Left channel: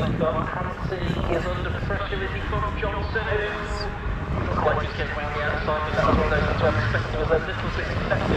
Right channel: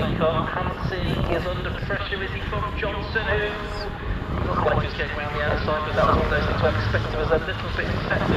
take on. Hansi is under pressure as he from Johnson, who's just getting around the outside, but that's one of those ones I expect was a little bit better.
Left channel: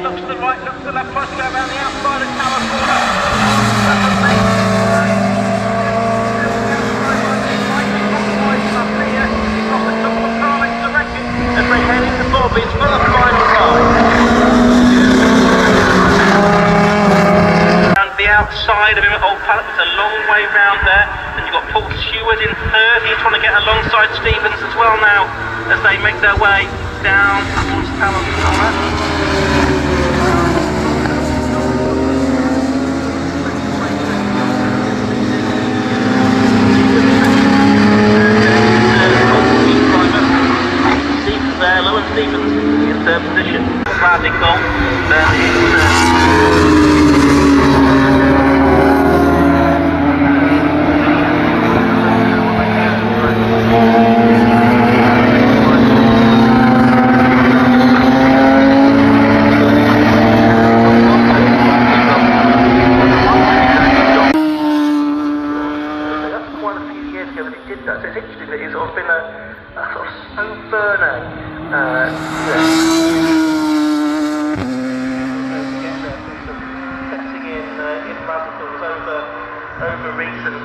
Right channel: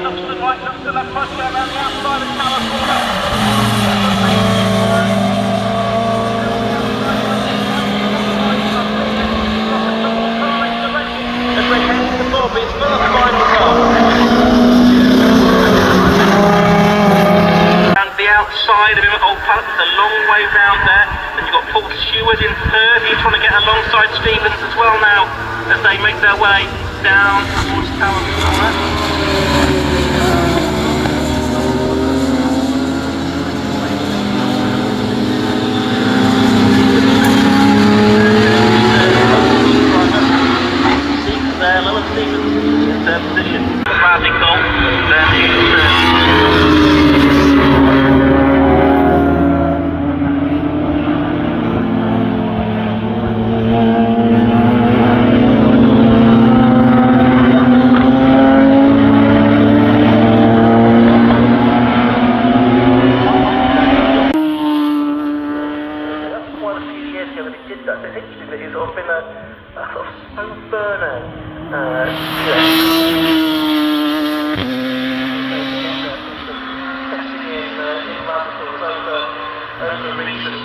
Looks to the right, looks to the left, tries to go around the outside of Tower Corner. And the outside of him at Old Pallet, it's a long way round there. And you've got Paul Stewart in third, who's trying to get alongside Stevens as well now, as they make their way down towards Tower Corner. Radical, quite a few years ago that he did that, so it's interesting that he's sort of been a sort of slow burner. Over recent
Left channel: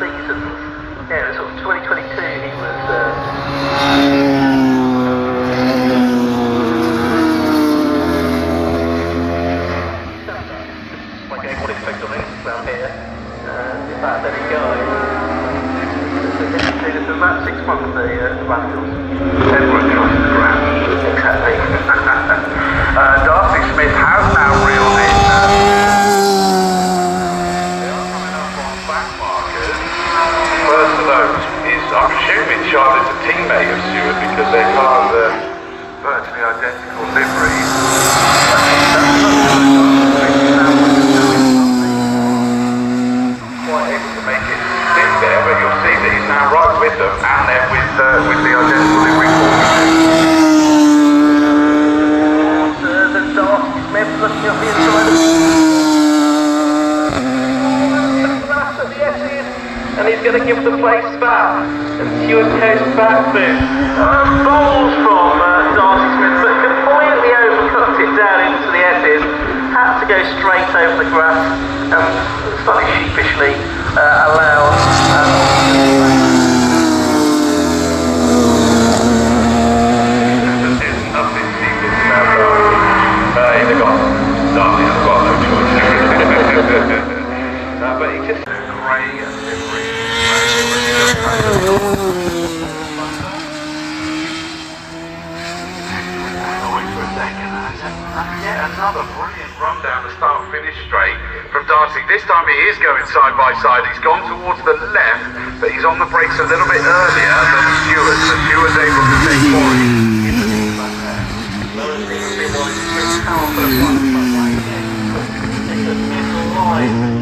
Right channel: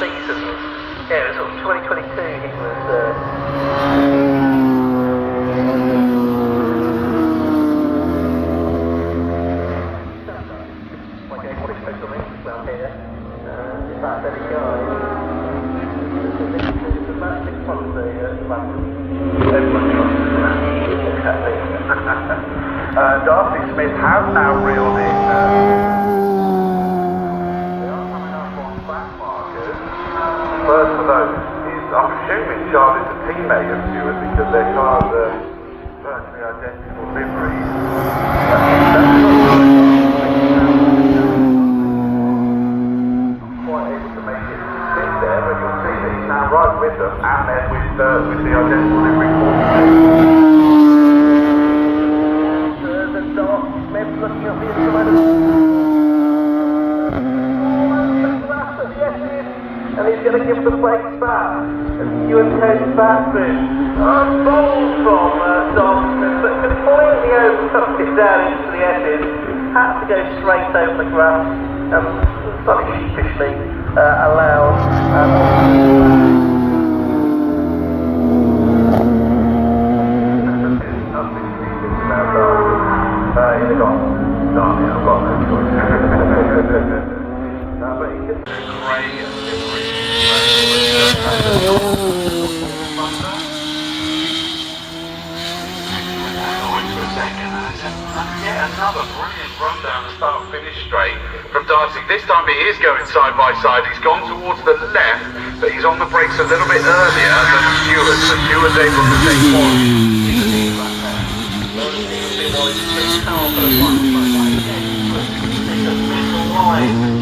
seasons. Yeah, it was sort of 2022 he was like getting what expected on Instagram here. In fact, there you go. It's about 6 months of the Radicals. Everyone trusts the brand. Exactly. Darcy Smith has now reeled in. They are coming up on back markers. First of those is, I'm assuming, Charlotte's a teammate of Stewart because their cars are virtually the identical liveries. That's not quite able to make it sit there, but you'll see that he's now right with them, and they're with the identical livery formation. The Darcy Smith looking up the inside of the S's, and he's going to give the place back, and Stewart goes back through. Bowls from Darcy Smith, but completely overcooked it down into the S's. Had to go straight over the grass, and slightly sheepishly allowed. There's nothing sheepish about Darcy. They've got Darcy, I've got no choice. But he just grey and livery. Yeah, another brilliant run down the start-finish straight from Darcy. This time he is going side by side. He's gone towards the left, but he's on the brakes a little bit earlier than Stewart. So Stewart's able to take points.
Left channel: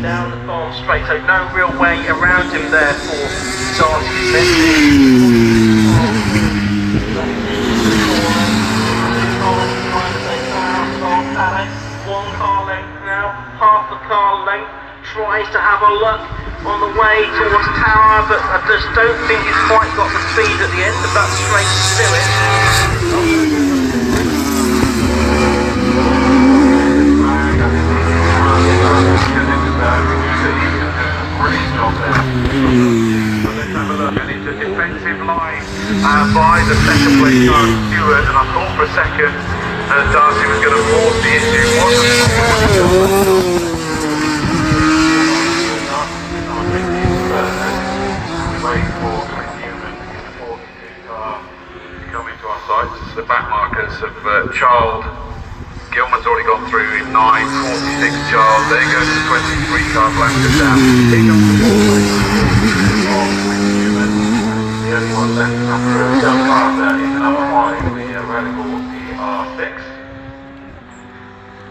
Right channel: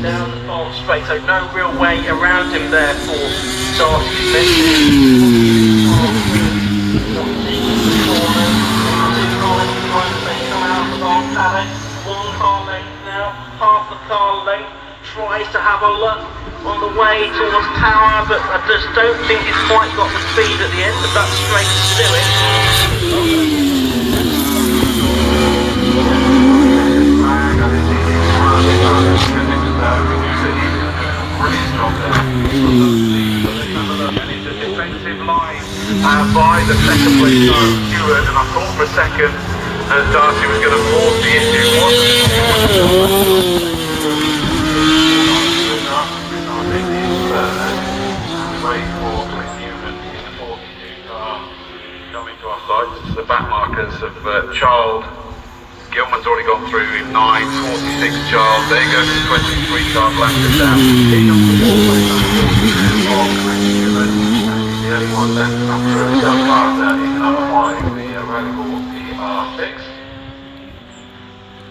Down the farm straight, so no real way around him there for Darcy Smith. One car length now, half the car length, tries to have a look on the way towards Tower, but I just don't think he's quite got the speed at the end of that straight Civic. Brilliant job there. And it's a defensive line by the second place car Stewart, and I thought for a second that Darcy was going to force the issue. Coming to our sights, the back markers of Child. Gilman's already gone through in 9, 46 Charles, there goes the 23 car Blackford. 31 seconds after a cell car in the number 5, the Radical R6.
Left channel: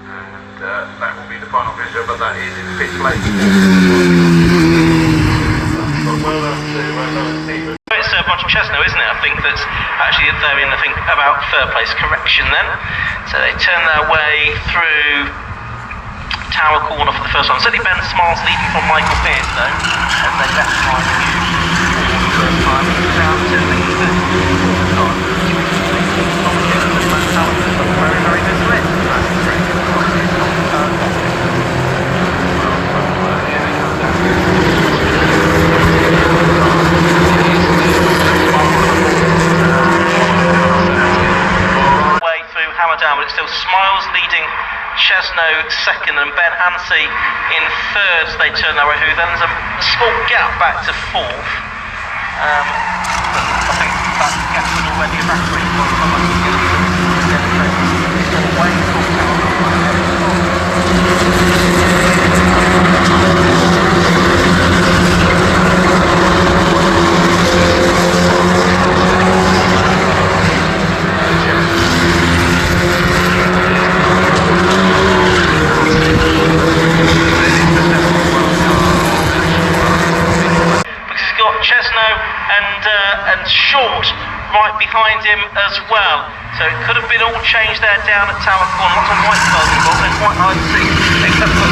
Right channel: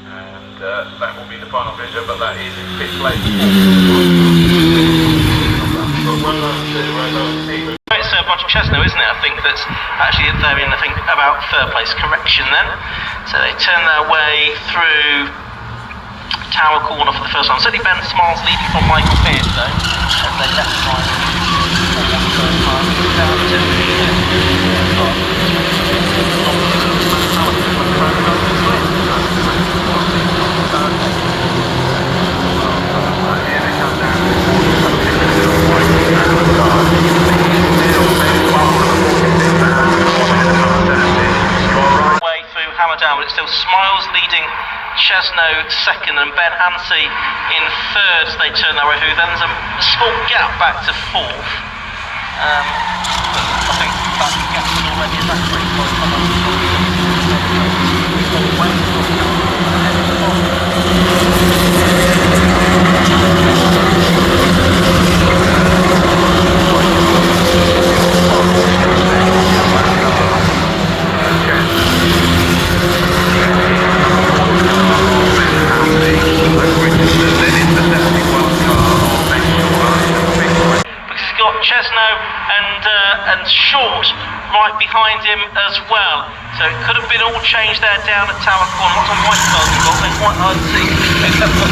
And that will be the final measure, but that is in 5th place. It's a bunch of Chesno, isn't it? I think that's actually they're in, I think, about 3rd place correction then. So they turn their way through Tower Corner for the first one. Certainly Ben Smiles leading from Michael Pearce though, as they left right for the first time. Down to the very good split. Down, but it's still Smiles leading Chesno second and Ben Ansey in third as they turn their way through. Then there's a small gap back to 4th. But I think that gap was already evaporated by the time. And Short right behind him as well. So it could have been all changed there down at Tower Corner. Lots of white cars involved, they're quite hard to see. Except for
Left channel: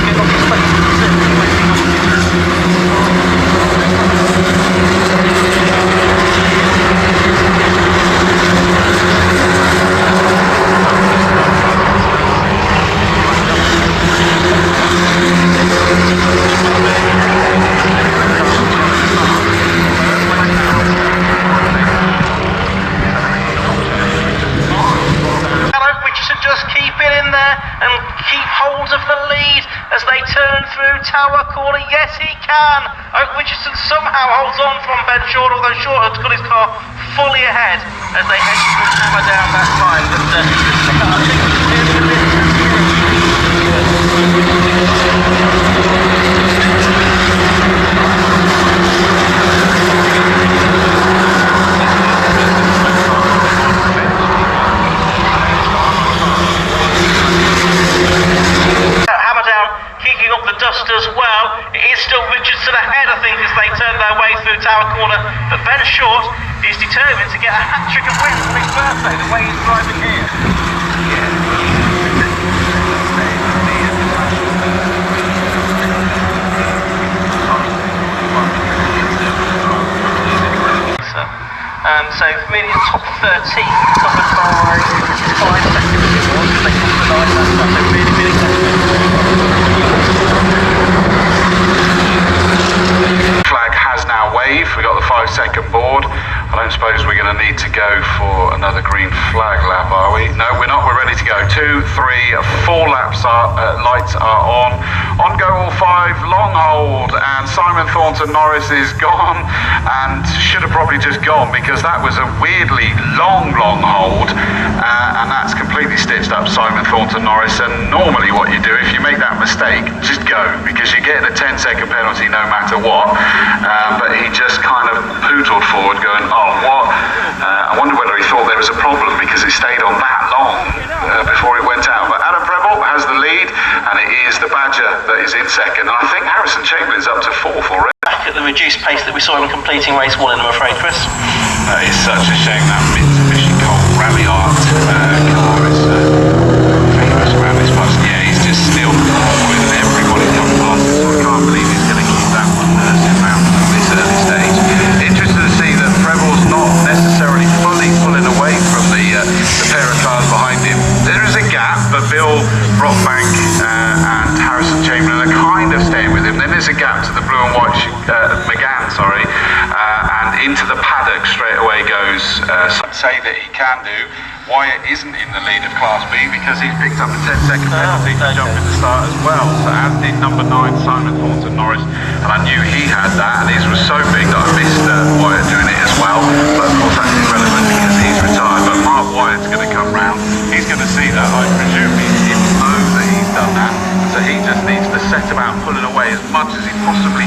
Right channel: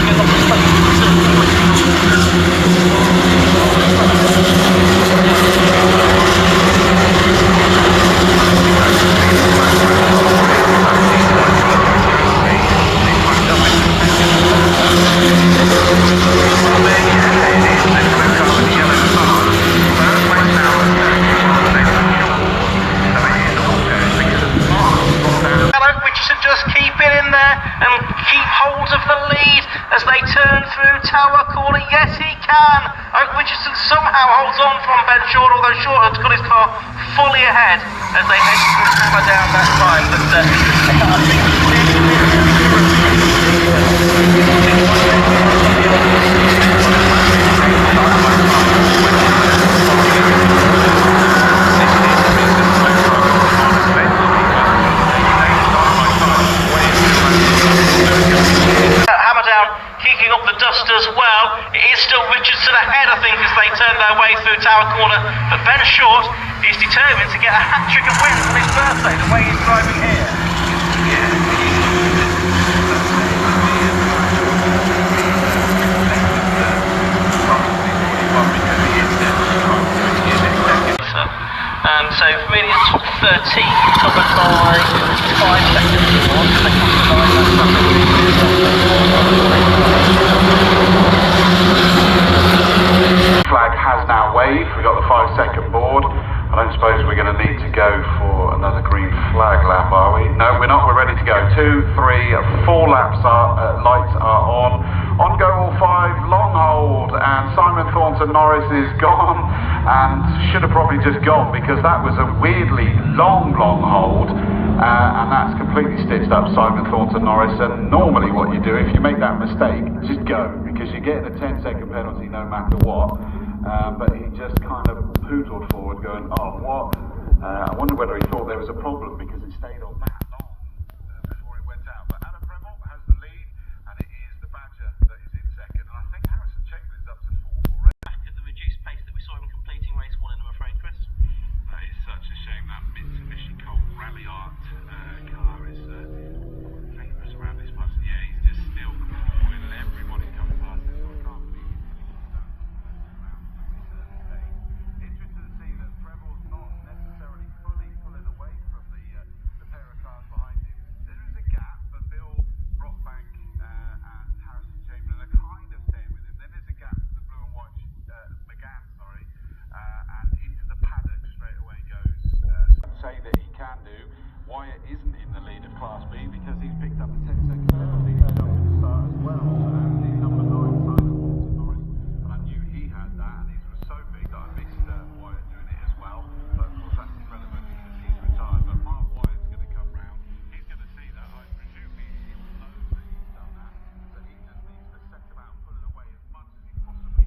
Tower Corner, yes he can. Richardson somehow holds on from Ben Short, although Short has got his car fully ahead as they head through hammer down that side. however short, he's determined to get a hat-trick of wins on his birthday, the way he's driving here. So for me, it's top 13, covered by 5 seconds. Flag has now waved. We got the 5-second board. I don't suppose we're going to need to go for another green flag lap, are we? No, we're not. We're ready to go. 2, 3, 4 laps lights are on. On go all 5, long hold, and Simon Thornton Norris is gone, and should have probably just gone because that was a weirdly long hold, and that's completely stitched up Simon Thornton Norris. And normally what you do if you make that mistake, just go, because you're getting a 10-second penalty no matter what. But he just kind of pootled forward going, oh, what? I wonder whether he thought there was a problem because it stayed on that long before it went out. But Adam Preble has the lead, and it is the Badger that is in second. And I think Harrison Chamberlain's up to 4th already. Back at the reduced pace that we saw him completing race 1 in, I'm afraid, Chris. That is such a shame, that Mitsubishi Colt Rally Art car is famous around this bus. Yeah, he's just still with everybody coming past him, so I can't believe he's going to keep that one sitting around at this early stage. Interested to see that Preble's not necessarily fully pulling away from the pair of cars behind him. There is a gap, but Bill Brockbank and Harrison Chamberlain are kind of staying with him. Then there's a gap to the blue and white McGann, and into the paddock straight away goes say that he can do. Wyatt isn't in the lead of Class B because he's picked up a 10-second penalty to jump in the start as well. So as did number 9 Simon Thornton Norris, and I knew he had that, and his was so big that I missed Wyatt doing it as well. But of course that's irrelevant because he's retired. But Mark Wyatt's going to come round. He's going to see that. I presume he will know that he's done that. So he just needs to set about pulling away as much as he possibly